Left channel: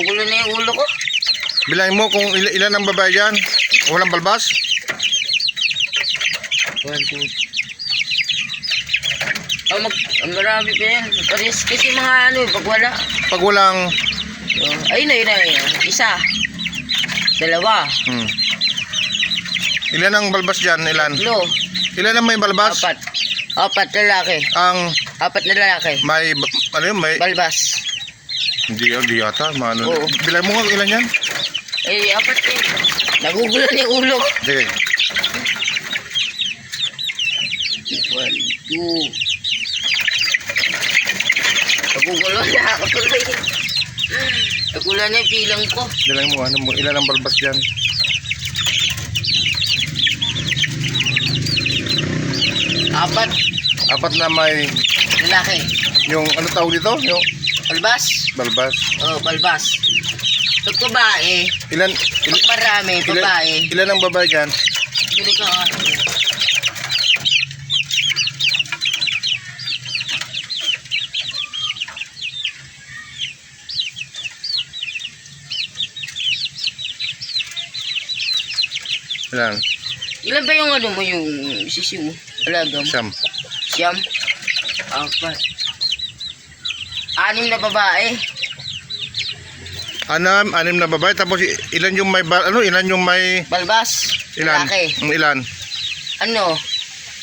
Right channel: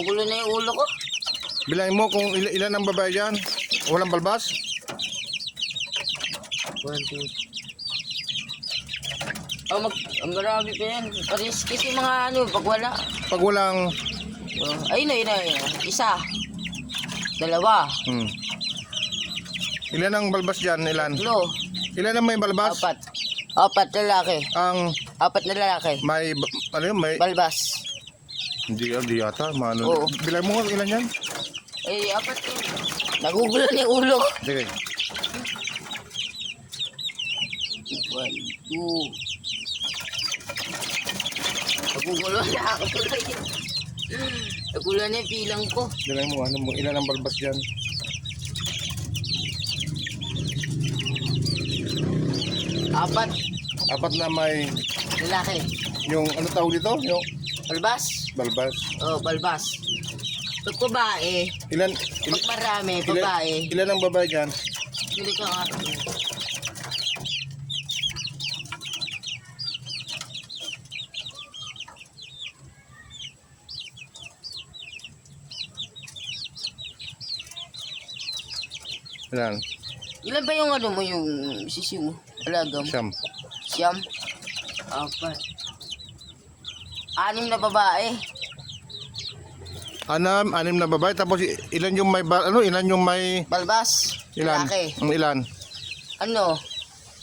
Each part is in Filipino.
Nagugulo na yung ulo ko. Bilangin mo kung ilan ang babae dyan. Walang balbas. 1, 2. Oh, marami pa yan. Pares kasi mga ano, pag wala. Pag walang... Oh, ayun na. Isa. Dalawa. Ilan ang balbas dyan? Ilan? Tatlo. Ilan ang may balbas? 4. 4 lalaki. Ang 4 na lalaki. may... Ano yun? May... Balbas. Hindi yata. Ano? Oo. Bilangin mo kung ilan yan. 4 yun. Nagugulo na yung ulo ko. Sige. 1, 2. Nagugulo na ako tuloy. Nagugulo na yung pilang ko. Bilangin mo, ilan ang balbas dyan? 4 4 na may... lalaki. Yung ano tawag dito? Yung Balbas. balbas. Oh, balbas. Pag babae, Ilan... pag marami, babae. Ilan ang babae dyan? Bili ko nga. Ilan? Ilan ba yung ano mo, yung sisiw mo? Alagam. Siyam. 4. 6 na babae. 6 na babae. Tapos ilan yung may... Ilan yung may... Balbas. Ilan? Lalaki. Ilan? Ano?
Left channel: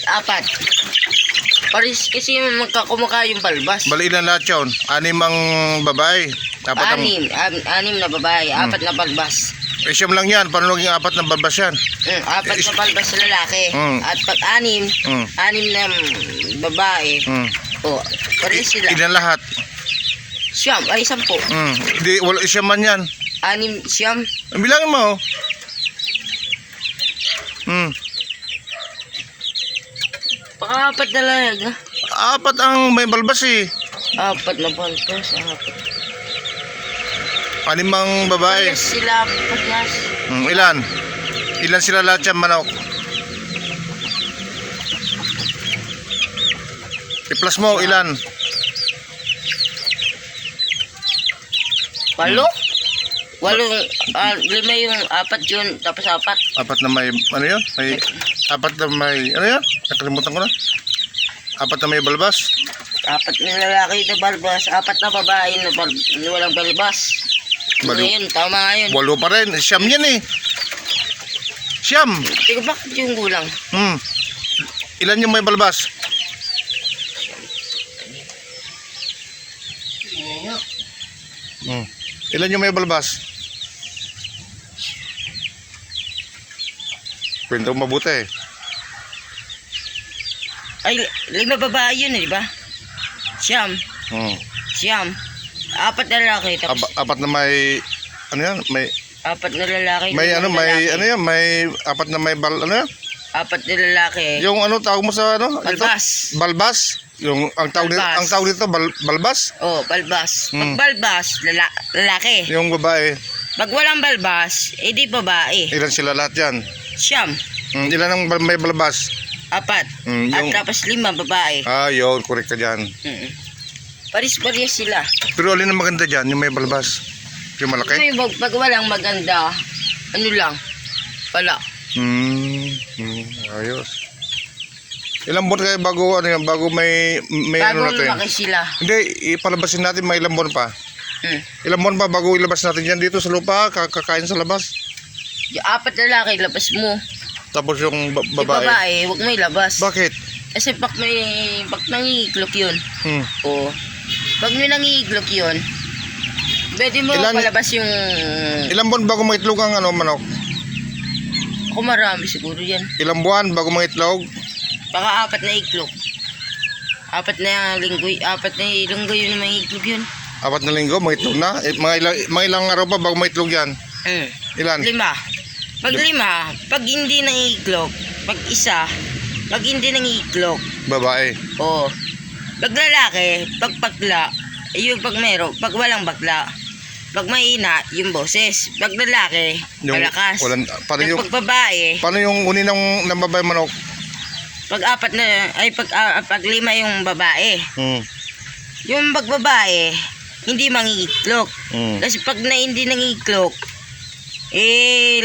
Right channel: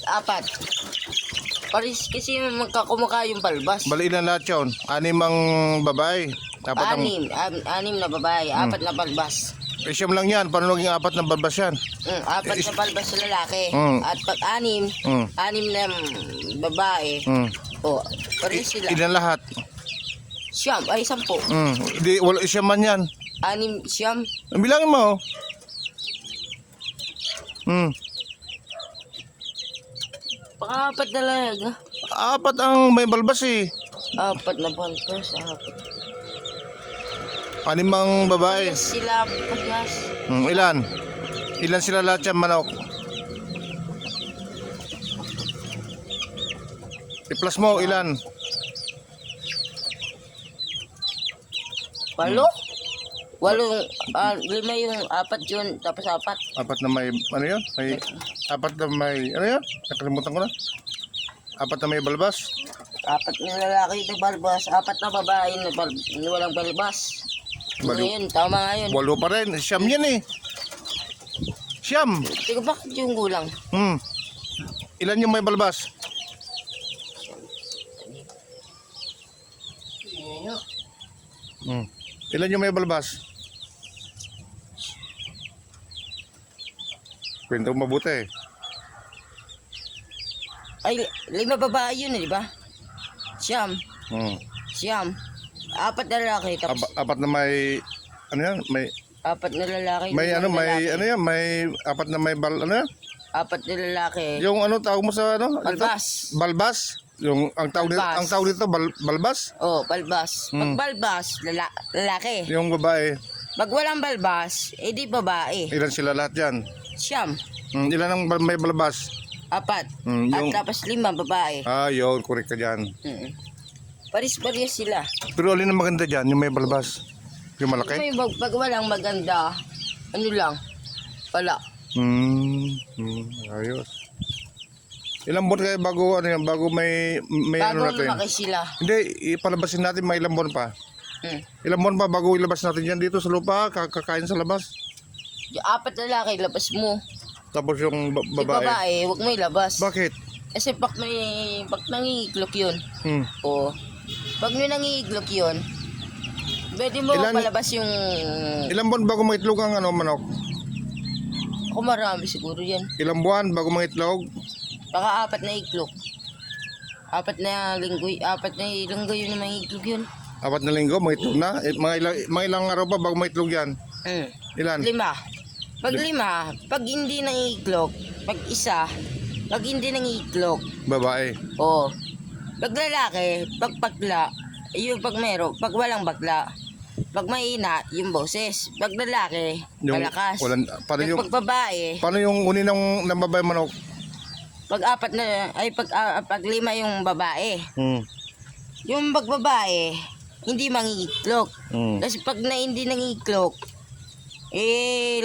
4. Paris kasi magkakumukha yung balbas. Bali ilan lahat yun? 6 ang babae. 4 ang... 6 na babae. 4 na balbas. Siyam lang yan. Paano naging 4 na balbas yan? 4 na balbas sa lalaki. At pag 6 na babae. Oh, pares sila. Ilan lahat? Siyam. Ay, 10. Hindi, wala siyam man yan. 6 siyam. Bilangin mo. Baka 4 na lang. 4 ang may balbas eh. 4 na balbas. 6 ang babae. Pares sila. Pares. Ilan? Ilan sila lahat yan, manok? I-plus mo, ilan? 8. 5 yung 4 yun. Tapos 4. 4 na may, ano yun? May, 4 na may, ano yan? Nakalimutan ko na. 4 na may balbas. 4 na lalaki na balbas. 4 na babae na walang balbas. Ngayon, tama nga yun. 8 pa rin. Siyam yan eh. Siyam. Teka, bakit yung gulang? Ilan yung may balbas? Ilan yung may balbas? Kwento mabuti eh. Ay, 5 babae yun eh, di ba? Siyam. Siyam. 4 na lalaki. Tapos 4 na may, ano yan? May, 4 na lalaki. may ano, may, ano yan? May 4 na may ano yan? 4 na lalaki. Yung ano tawag mo sa ano? Balbas. Balbas? Yung ang tawag nito, Balbas. ang tawag nito balbas? Oh, balbas. Pag balbas, lalaki. Yung babae. Pag walang balbas, edi babae. Ilan sila lahat yan? Siyam. Ilan ang may balbas? 4. At Yung, tapos 5 babae. yun, correct ka dyan. Paris-paris sila. Pero alin ang maganda dyan? Yung may balbas? Yung malaki? May pag walang maganda, ano lang, wala. Ayos. Ilang buwan kayo bago, ano yan, bago may Bago ano natin? lumaki sila. Hindi, ipalabasin natin may ilang buwan pa. Ilang buwan pa bago ilabas natin yan dito sa lupa, kakain sa labas. Yung 4 lalaki, labas mo. Tapos yung Yung babae. babae, huwag mo ilabas. Bakit? Kasi pag nangiiglok yun. Oo. Pag may nangiiglok yun, pwede mo palabas yung... Ilang buwan bago maitlog ang ano, manok? Kung marami siguro yan. Ilang buwan bago maitlog? Baka 4 na iglok. 4 na linggo yun na may iglok yun. 4 na linggo, maitlog na? Mga ilang araw pa bago maitlog yan? Ilan? 5. Pag 5, pag hindi nangiiglok, pag isa, pag hindi nangiiglok, Babae. oo. Pag lalaki, pag bakla, yung pag meron, pag walang bakla, pag mahina, yung boses. Pag lalaki, malakas. Paano yung, Pag babae, paano yung uni ng babae manok? pag 4 na, ay pag 5 yung babae. Hmm. Yung pag babae, hindi mangiiklok. Mm. Kasi pag na hindi nangiiklok,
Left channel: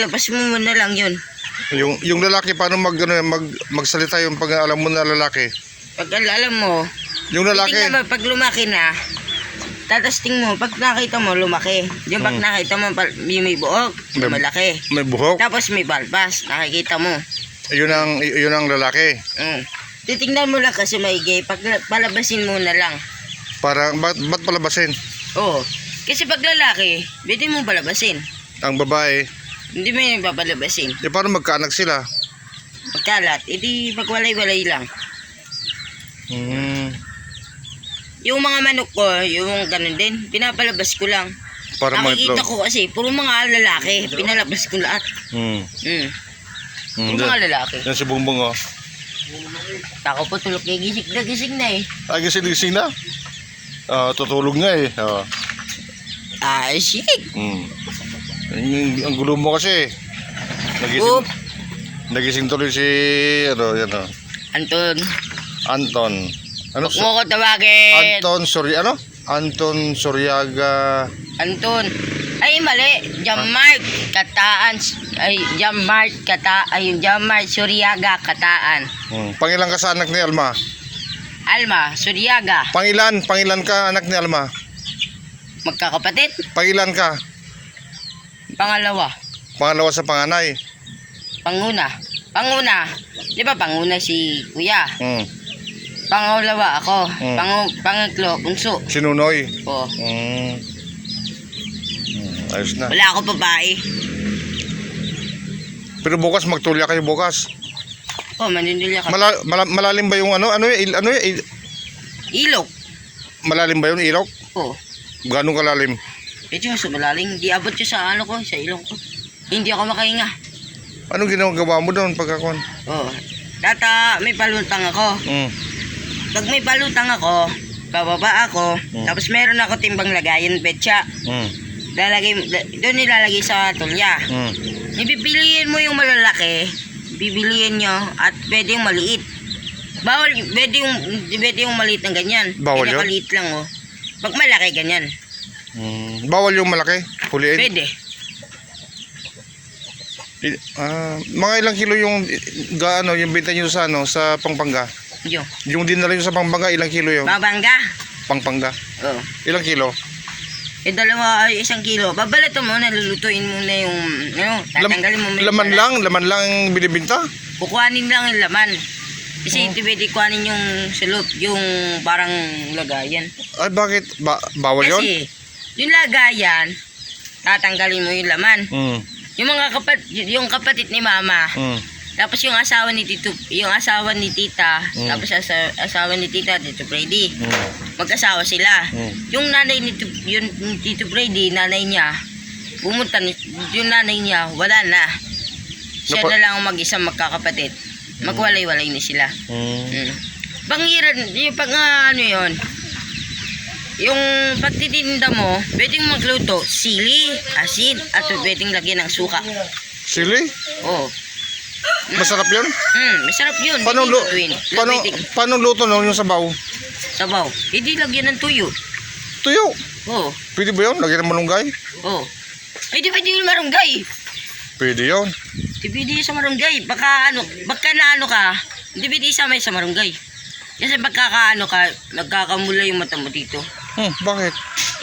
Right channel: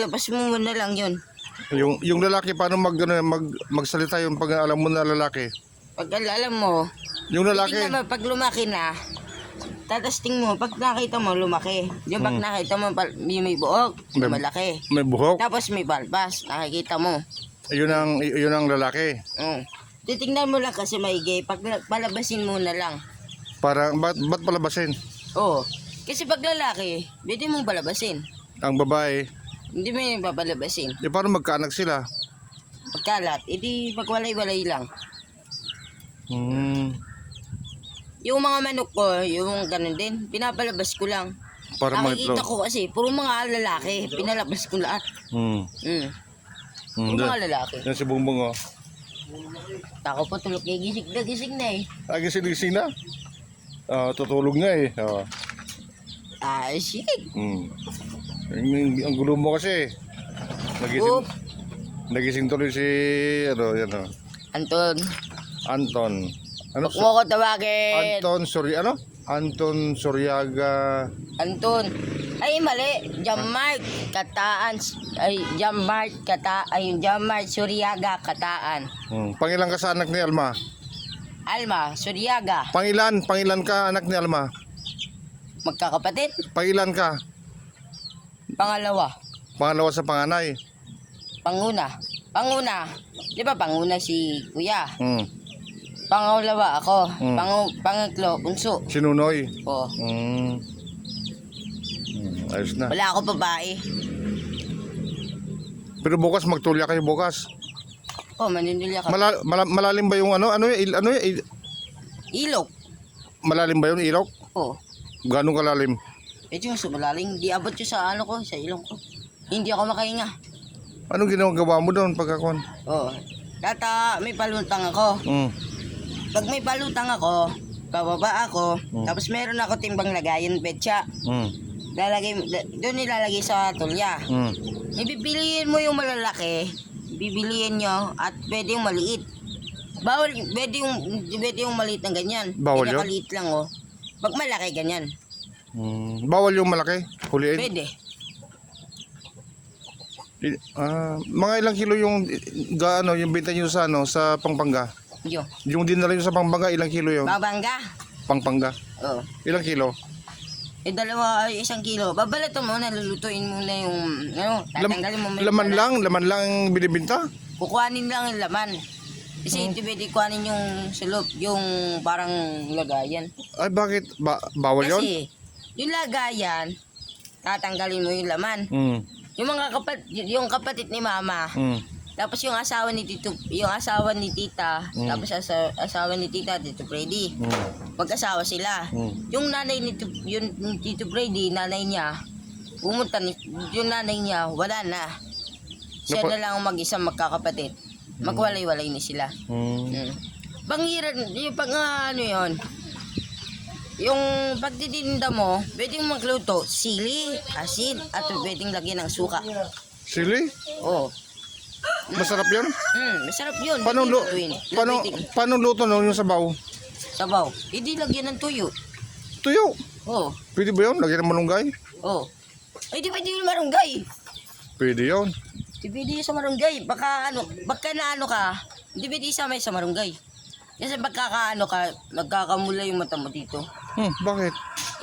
labas mo muna lang yun. Yung lalaki, paano magsalita yung pag alam mo na lalaki? Pag alam mo, Yung lalaki, tingnan mo, pag lumaki na, tatasting mo, pag nakita mo, lumaki. Yung pag nakita mo, yung may buhok, malaki. may buhok. Tapos may balbas, nakikita mo. Yun ang lalaki. Titingnan mo lang kasi maigi, pag palabasin mo na lang. Para, ba't palabasin? Oo. Kasi pag lalaki, pwede mo palabasin. Ang babae, Hindi mo yung papalabasin. paano magkaanak sila? Pagkalat, edi pagwalay-walay lang. Mm. Yung mga manok ko, yung ganun din, pinapalabas ko lang. Para Nakikita mag-itlog. ko kasi, puro mga lalaki, pinalabas ko lahat. Mm. Puro Yan. mga lalaki. Yan si Bongbong, oh. Ako po tulog kay gising na eh. Ay, gising na. Tutulog nga eh. Shit. Ang gulo mo kasi. Oop. Nagising tuloy si, yan, Anton, Anton. Ano? huwag mo ko tawagin. Anton Suryaga. Anton. Ay, mali. Jamart Kataan. Jamart Suryaga Kataan. Pangilan ka sa anak ni Alma? Alma Suryaga. Pangilan ka anak ni Alma? Magkakapatid. Pangilan ka? Pangalawa. Pangalawa sa panganay. Panguna. Di ba panguna si Kuya? Hmm. Pangalawa ako. Pangatlo, bunso. Sinunoy. Oo. Ayos na. Wala ako babae. Pero bukas magtulya kayo bukas. Manindulya ka. Malalim ba yung Ilok. malalim ba yung ilok? Oo. Gano'ng kalalim? Medyo sumalaling. Di abot yun sa sa ilong ko. Hindi ako makahinga. Anong ginagawa mo doon pagkakon? Oo. May palutang ako. Pag may palutang ako, bababa ako, tapos meron ako timbang lagayan, betsa. Doon nilalagay sa tulya. Ipipiliin mo yung malalaki, bibiliin nyo, at pwede yung maliit. Bawal, pwede yung maliit ng ganyan. Bawal yun? Pinakaliit lang, oh. Pag malaki, ganyan. Bawal yung malaki? Huliin? Pwede. Mga ilang kilo yung yung benta nyo sa sa Pampanga? Yo. Yung dinala nyo sa Pampanga, ilang kilo yung Babangga. Pampanga? Oo. Ilang kilo? 1 kilo. Babalato mo, nalulutuin mo na yung, tatanggalin mo. Laman lang ang binibinta? Kukuhanin lang yung laman. Kasi hindi pwede kuhanin yung salop, yung parang lagayan. Ay, bakit? Bawal yun? Kasi, yung lagayan, tatanggalin mo yung laman. Yung yung kapatid ni mama, tapos yung asawa ni tita, tapos asawa ni tita, Tito Freddy. Mag-asawa sila. Yung nanay ni Tito Freddy, nanay niya, yung nanay niya, wala na. Siya na lang ang mag-isang magkakapatid. Magwalay-walay na sila. Pangiran, yung yung pagtitinda mo, pwedeng magluto, sili, asin, at pwedeng lagyan ng suka. Sili? Oo. Masarap yun? Masarap yun. Paano luto no yung sabaw? Sabaw. Hindi lagyan ng tuyo. Tuyo? Oo. Pwede ba yun? Lagyan ng malunggay? Oo. Ay, di pwede yung marunggay. Pwede yun. Di pwede sa marunggay. Baka ka, hindi pwede isama sa marunggay. Kasi magkakamula yung mata mo dito. Bakit?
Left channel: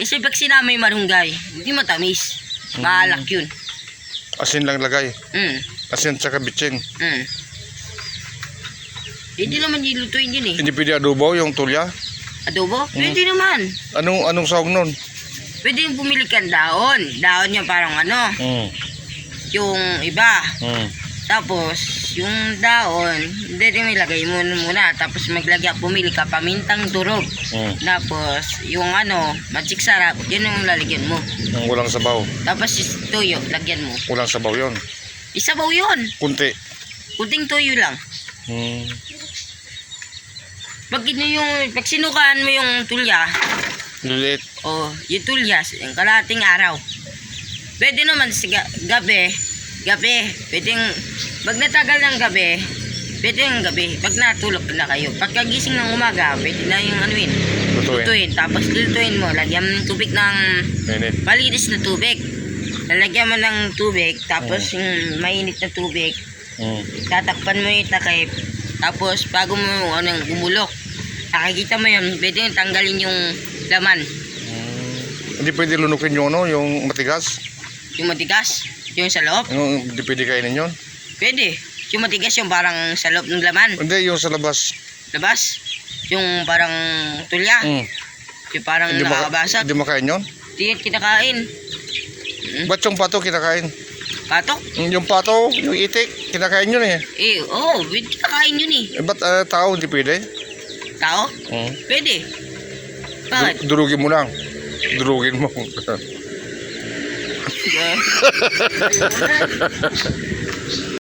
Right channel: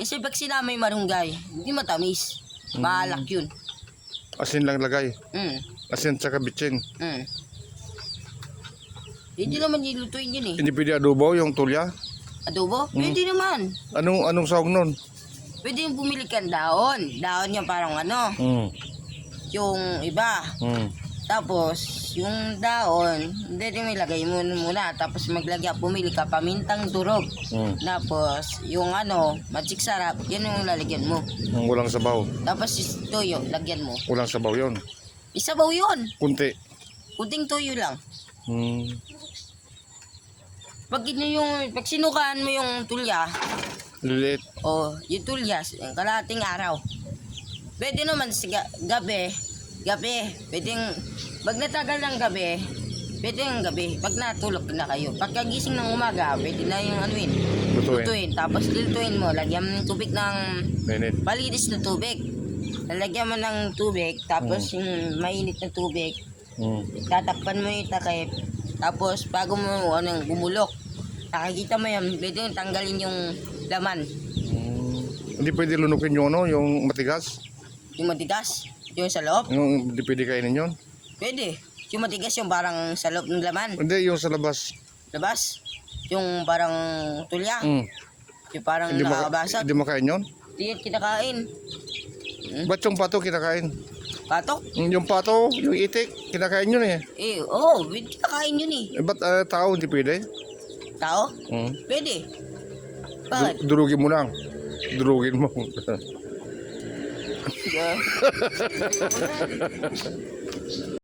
Kasi pag sinama yung marunggay, hindi matamis. Maalak yun. Asin lang lagay. Asin tsaka bitsin. Hindi naman nilutuin yun eh. Hindi pwede adobo yung tulya? Adobo? Pwede naman. Anong sahog nun? Pwede yung bumili ka ng daon. Daon niya parang yung iba. Tapos, yung daon, hindi rin ilagay mo muna. Tapos bumili ka pamintang durog. Tapos, yung magic sarap, yun yung lalagyan mo. Yung walang sabaw. Tapos, tuyo, lagyan mo. Walang sabaw yun. Isabaw yun. Kunti. Kunting tuyo lang. Pag sinukaan mo yung tulya, Liliit. yung tulya, yung kalahating araw. Pwede naman sa gabi, pwedeng, pag natagal ng gabi, pwede yung gabi, pag natulog na kayo. Pagkagising ng umaga, pwede na yung lutuin. Tapos lutuin mo, lagyan mo ng tubig ng Mainit. malinis na tubig. Lalagyan mo ng tubig, tapos yung mainit na tubig, tatakpan mo yung takip. Tapos bago mo gumulok, nakikita mo yan, pwede yung tanggalin yung laman. Hindi pwede lunukin yung yung matigas. Yung matigas, yung sa loob, Hindi pwede kainin yun. pwede. Yung matigas yung parang sa loob ng laman. Hindi, yung sa labas. Labas, yung parang tulya, yung parang nakakabasag. Hindi makain yun. Hindi yan kinakain. Ba't yung pato kinakain? Patok? Yung pato, yung itik, kinakain yun eh. Oo, pwede kinakain yun eh. Ba't tao hindi pwede? Tao? Pwede. Bakit? Durugin mo lang. Durugin mo.